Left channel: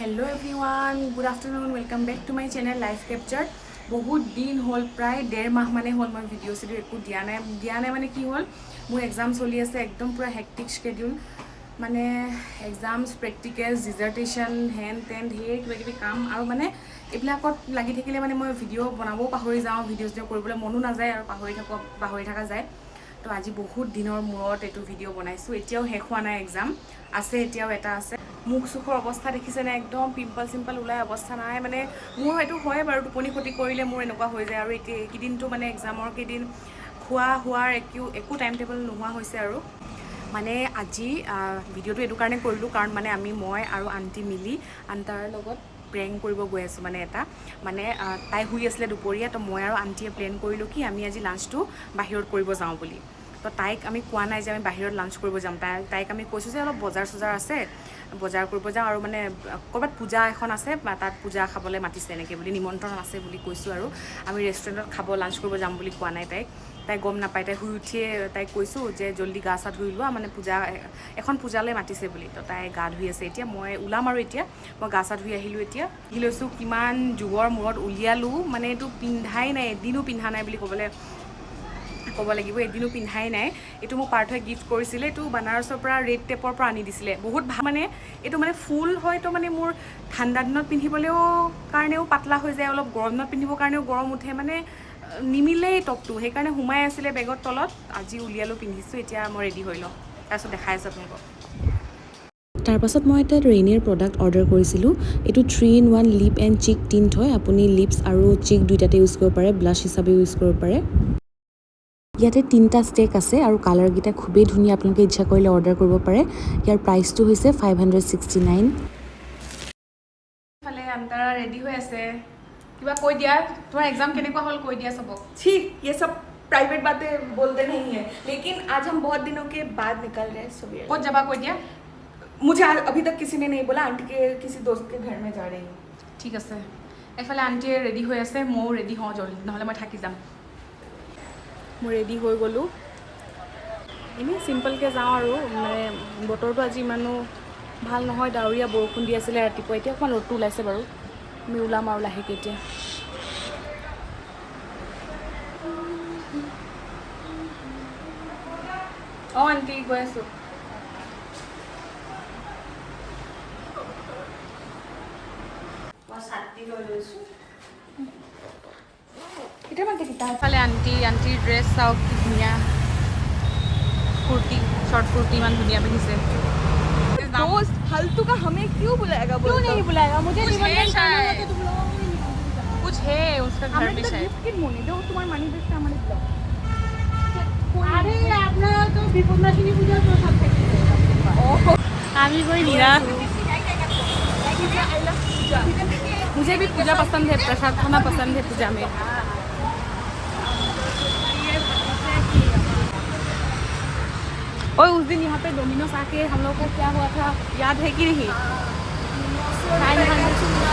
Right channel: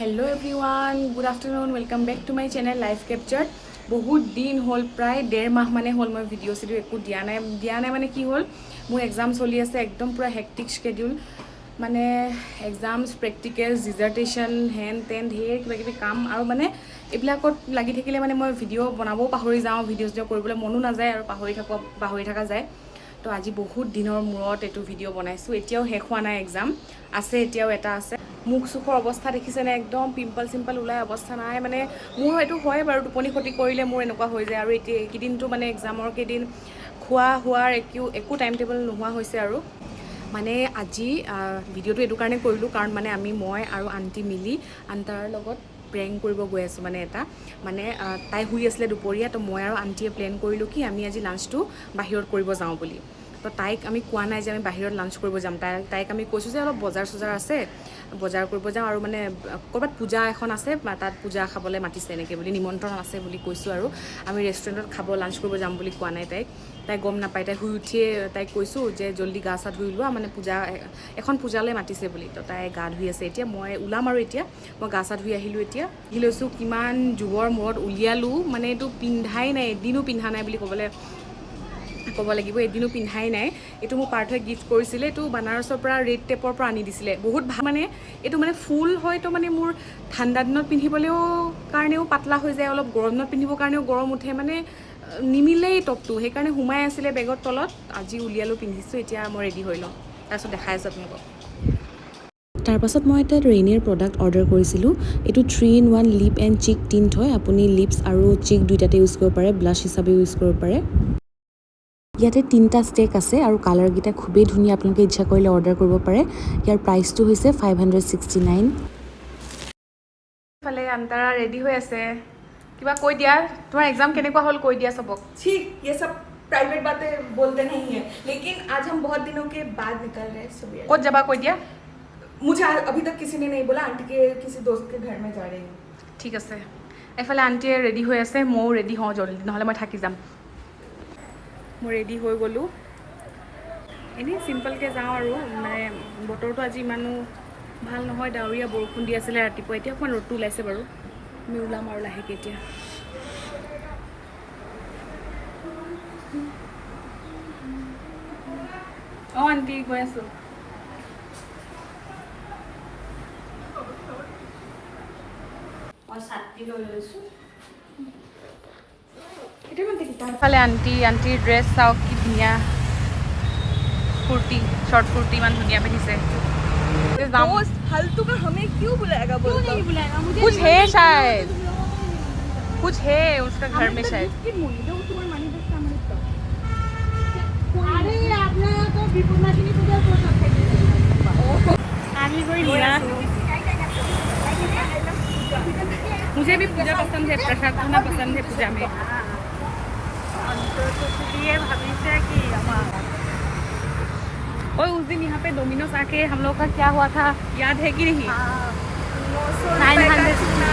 Hello everyone good afternoon welcome back to my channel life capture बहुत दिन हल प्राय 1.5 माह माने हल मैं भिडिओ सिडिओ एक दिया ना माने कि हल मोर एग्जाम चलि आछे एकदम पूरा हेक्टिक शेड्यूल माने एग्जाम्स प्रेक्टिकल्स डिजार्टेशन हेन तेन ढेर किबा किबि काम और माने এইবিলাকত লাগি থাকিলে মানে মই ভিডিঅ' বনাবও পাহৰি যাওঁ ভিডিঅ' চিডিঅ' কৰিবলৈ মনো নাযায় আৰু পাহৰি থকা যায় তো আজি বহুত দিনৰ মূৰত এইটো ভিডিঅ' বনাইছোঁ এতিয়াও শেষ হোৱা নাই এক্সাম আছে এতিয়াও এটা আছে মুখ চুখৰ অৱস্থা দেখিছেনে একদম পিম্পল চিম্পল ওলাই অৱস্থা নাই মানে মোৰ হয়তো হয় বাৰু টোপনি ক্ষতি কৰিলে মোৰ এনেকুৱা হৈ যায় আৰু এতিয়া এইকেইদিনটো মানে এক্সামৰ কেইদিন খোৱা হোৱাৰ একো টাইম টেবল নোহোৱা হৈছে আৰু মানে আজি ভিডিঅ'টো এইটো কাৰণে কৰিলোঁ কাৰণ মানে মই আৰু আণ্টি মিলি আণ্টাৰ লগত প্ৰেং কৰিব গৈ আছোঁ মানে এটা মানে তাই শুই আছিলে দুপৰীয়া তো মই আৰু আণ্টিয়ে প্লেন কৰিলোঁ কি আমি আজি লাঞ্চটো বাহিৰত কৰিব যাওঁ বুলি তো তাইক আমি কোৱা নাই যে আমি বাহিৰত লাঞ্চ কৰিব যাম তাইক আমি কৈছোঁ যে অলপ বজাৰ চজাৰ আছে বজাৰ কৰিব যাওঁ আৰু মানে ক'ৰবাত পূজা এখন আছে তাত পূজা খাবলৈ মাতিছে এনেকৈ বুলি নিমন্ত্ৰণ আছে বুলি কৈছোঁ আৰু আমি ৰেষ্টুৰেণ্টত খাব লাঞ্চ কৰিব যাম বুলি কোৱা নাই তাই গম নাপায় তাই শুই উঠিয়ে তাইক কৈছোঁ যে জল্দি গা চা ধুই লোৱা মানে এখন পূজালৈ মাতিছে বুলি তো তাই গা ধুই আছে এতিয়া মই ওলাম আৰু এতিয়া মই গা চা ধুই আহিলোঁ এতিয়া কি লৈছোঁ কিমান যুগৰ মূৰত উলিয়ালোঁ মানে এইটো পিন্ধাই নাই এদিনো পিন্ধা নাই বুলি ক'ব লাগিব এদিনো পিন্ধাই নাই এইটো মোক পাৰ্থই গিফ্ট কৰিছিলে এইটো বানাৰসৰ পৰা ৰেড টেপৰ পৰা আনি দিছিলে বহুত ভাল মানে এইটো মানে ফুল হয়তো মানে মোৰ ঠাণ্ডা দিনত পিন্ধিবলৈও কাৰণেও পাতলা হৈ যায় অলপ গৰম দিনত পিন্ধিবৰ কাৰণেও গৰম উঠে মানে নিমিলেই টপটো সেইকাৰণে সোমাই আছিলে বেগৰ তলত আজি উলিয়ালোঁ পিন্ধিছোঁ এতিয়া মই ৰেডি হৈ লওঁ তাৰপিছত দেখাই আছোঁ আপোনালোকক তাৰপাছত মই এটা ৰেইনিৰ প্ৰডাক্ট অৰ্ডাৰ কৰিছিলোঁ এইটো 3-in-1 লিপ এণ্ড চিক টিণ্ট হয় আপুনি লিপছ আৰু চিক দুইটাতে ইউজ কৰিব পাৰে ব্লাছ হিচাপে ইউজ কৰিব পাৰে ইয়াতে 3টা ষ্টেক আছে আৰু কালাৰকেইটা খুবেই ধুনীয়া আপোনালোকে ইচ্ছা কৰিলে অৰ্ডাৰ কৰিব পাৰে ইয়াৰ প্ৰাইচটো হৈছে 569 ফালে আন্তাৰা ৰেডি হৈ আছে কিবা কৈ দিয়া তোমাৰ এক্সাম কেনেকুৱা হ'ল কৈ দিয়া सबक ठीक ये सब प्राइवेट बातें बोलते नहीं है लेकिन आज हम बहुत दिनों के बाद निकल रहे हैं सुबह ক'ত যাবা কৈ দিয়া मुझे अभी तक किसी ने नहीं बोला आंटी के किसी दोस्त के घर में जा रही हूँ ঠিক আছে এফালে আণ্টিয়ে ৰেডি হৈ আছে ময়ো ৰেডি হওঁ জলদি নহ'লে মই থাকি যাম মই ৰেডি হৈ গ'লোঁ এনেই চিম্পলকৈ যাওঁ আৰু মানে বতৰটো আজি ইমানো ভাল নহয় ডাৱৰীয়া বৰষুণ দি আছিলে ৰাতিপুৱা এতিয়া অকণমান ৰ'দটো ওলাইছে বাৰু আমি ওলাম আৰু লাহেকৈ এতিয়া অঁ আণ্টি গৈ আছোঁ ফালে আণ্টিৰ ড্ৰেছ চাওক কি ধুনীয়া কুৰ্তি শৰ্ট কুৰ্তি ইমান ধুনীয়া পিন্ধিছে যাম फालतू का हमें क्यों बुलाएगा क्यों नहीं बुलाएगा मुझे कुछ है निमंत्रण शायद करना होता तो बुलाओगे। कुछ है उसका घर में शायद तुम्हारी मानी देखते हमारे अरे আপনারা তো বিপদনাশিনী পূজার প্রসাদ থেকে আমি কই নিরাশ मुझे भी पूजा पसंद है प्रसाद खाना पसंद है पूजा में और उस दिन यहाँ पे डोमिनोज आके हम लोग का क्या हुआ था याद है कि नहीं 900 का चूना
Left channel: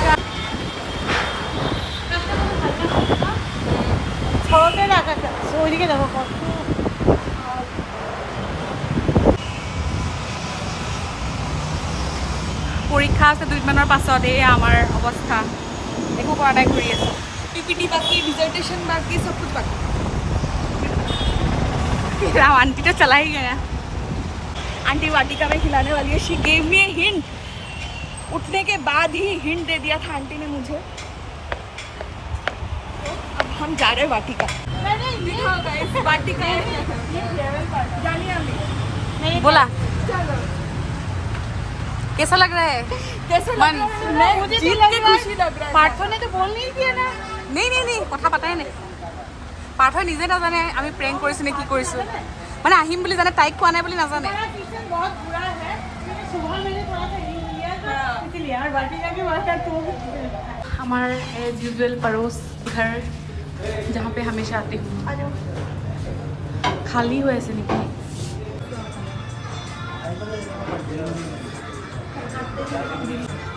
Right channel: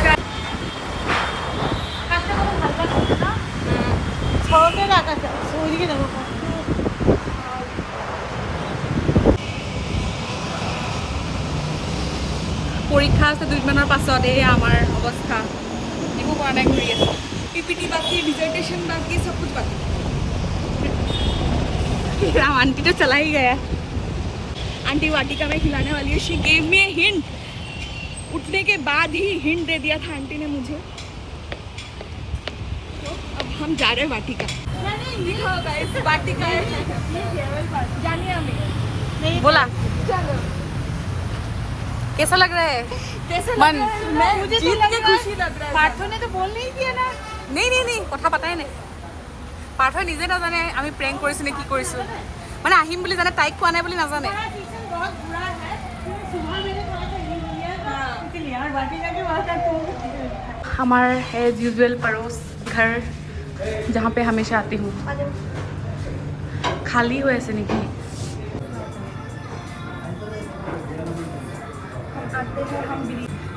সরতে রাখা ওইদিকে দেখো পৰীক্ষা আছে 2 দিনৰ পাছত এই আমাৰ অৱস্থা একো কৰা নাই ঘূৰি আছে पीपीटी बाकी डिजर्टेशन बाकी सब कुछ बाकी राम आंटी तो चला ही गया आंटी वाटिका में खिलाने वाली है she gave me a hint उठने के बाद ही हिंट दे दिया था आंटी ने मुझे तो अब हम जा रहे हैं वाटिका दिखाओ गाइस वाटिका है जानिए हमें बोला चलो कैसा लग रहा है कैसे मन लग रहा है मैं जीत के खुशी लग रहा है পার্থ ने तो बोल नहीं किया ना नहीं কথা পাতাই নাই পাৰ্থই নিজে নাজানে আমি প্ৰেংক কৰিছোঁ নে কি কৰিছোঁ মানে আহিম বুলি জানে তাইক কোৱা নাই বুলি নাজানে बहुत बुरा है सुबह मैंने थोड़ा सा हिंट लिया था इसलिए और बाकी जाके बात है तो हमार एज यूजुअल पड़ोस घर जहाँ पे हमेशा आती हूँ खाली हो ऐसे नहीं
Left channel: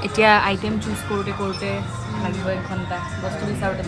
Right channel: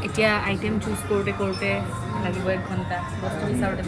এতিয়া আইটেম চুজ কৰোঁতে কৰোঁতে লাগিব 1 ঘণ্টা বস্তু বিচাৰোঁতে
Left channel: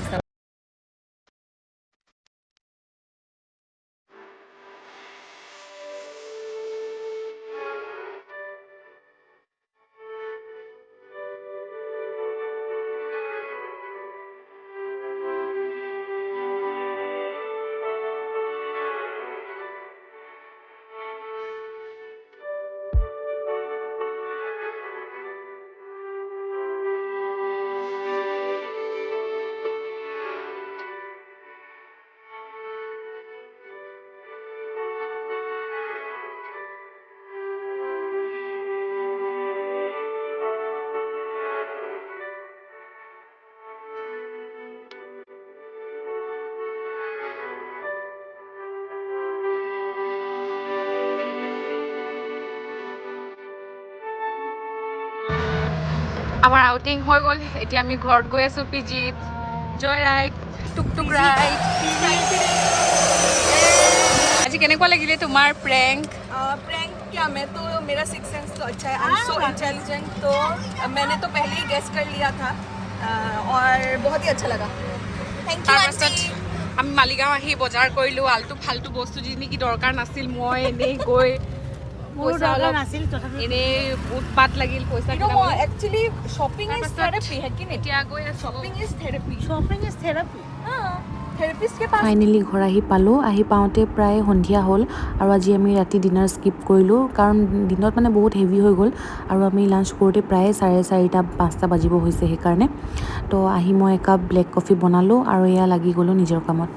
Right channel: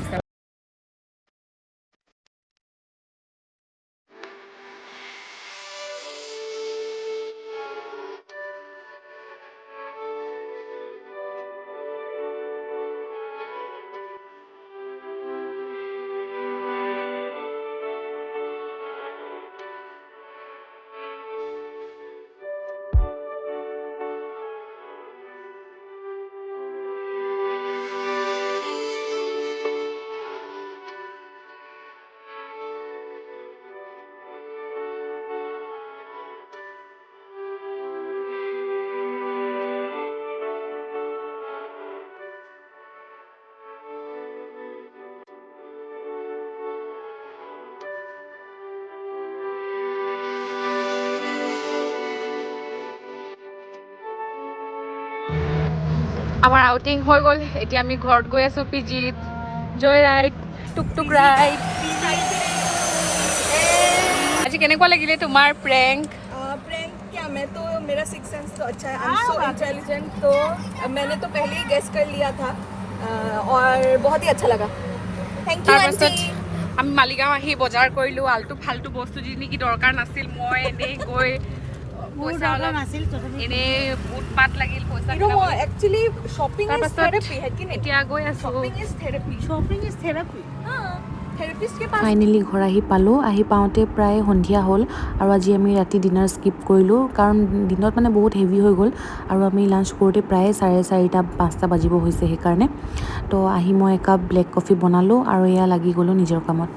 আমাৰ আউটিং হৈ গ'ল এতিয়া আমি ঘৰত গৈ আছোঁ পিজিত জয় ৰাইড টুক ৰাইড আজি কেনেকুৱা লাগিলে তোমাৰ প্ৰেংক प्रैंक क्या मैं तो मेरा सिक्स सेंस तो अच्छा है आई एम सो इंटेलिजेंट तो मैंने तो पहले ही गेस कर लिया था और बहुत ही अच्छा लगा थैंक यू তাৰপাছত আমি মালিগাঁও আহি বজাৰ কৰিলোঁ আলটু ফাল্টু বস্তু যি নেকি দৰকাৰ নাছিল মই এনেই গৈ পইচা অলপ এনেই উৎপাত লাগিল পইচা एक्चुअली शॉपिंग इज थेरेपी है कि नहीं এতিয়া গৈ আছোঁ shopping is therapy therapist K pass finally ঘৰ আহি পালোঁ আহি পাওঁতে প্ৰায় সন্ধিয়া হ'ল আৰু আজি আমি ৰাতি ডিনাৰ স্কিপ কৰিলোঁ কাৰণ দিনত মানে বহুত হেভি হৈ গ'ল আৰু আমি লাঞ্চ কৰোঁতে প্ৰায় 4:30-5টা বাজিব হৈছে সেইকাৰণে তো আহি মই একাপ ব্লেক কফি বনালোঁ আৰু এয়া লাগি গ'লোঁ নিজৰ কামত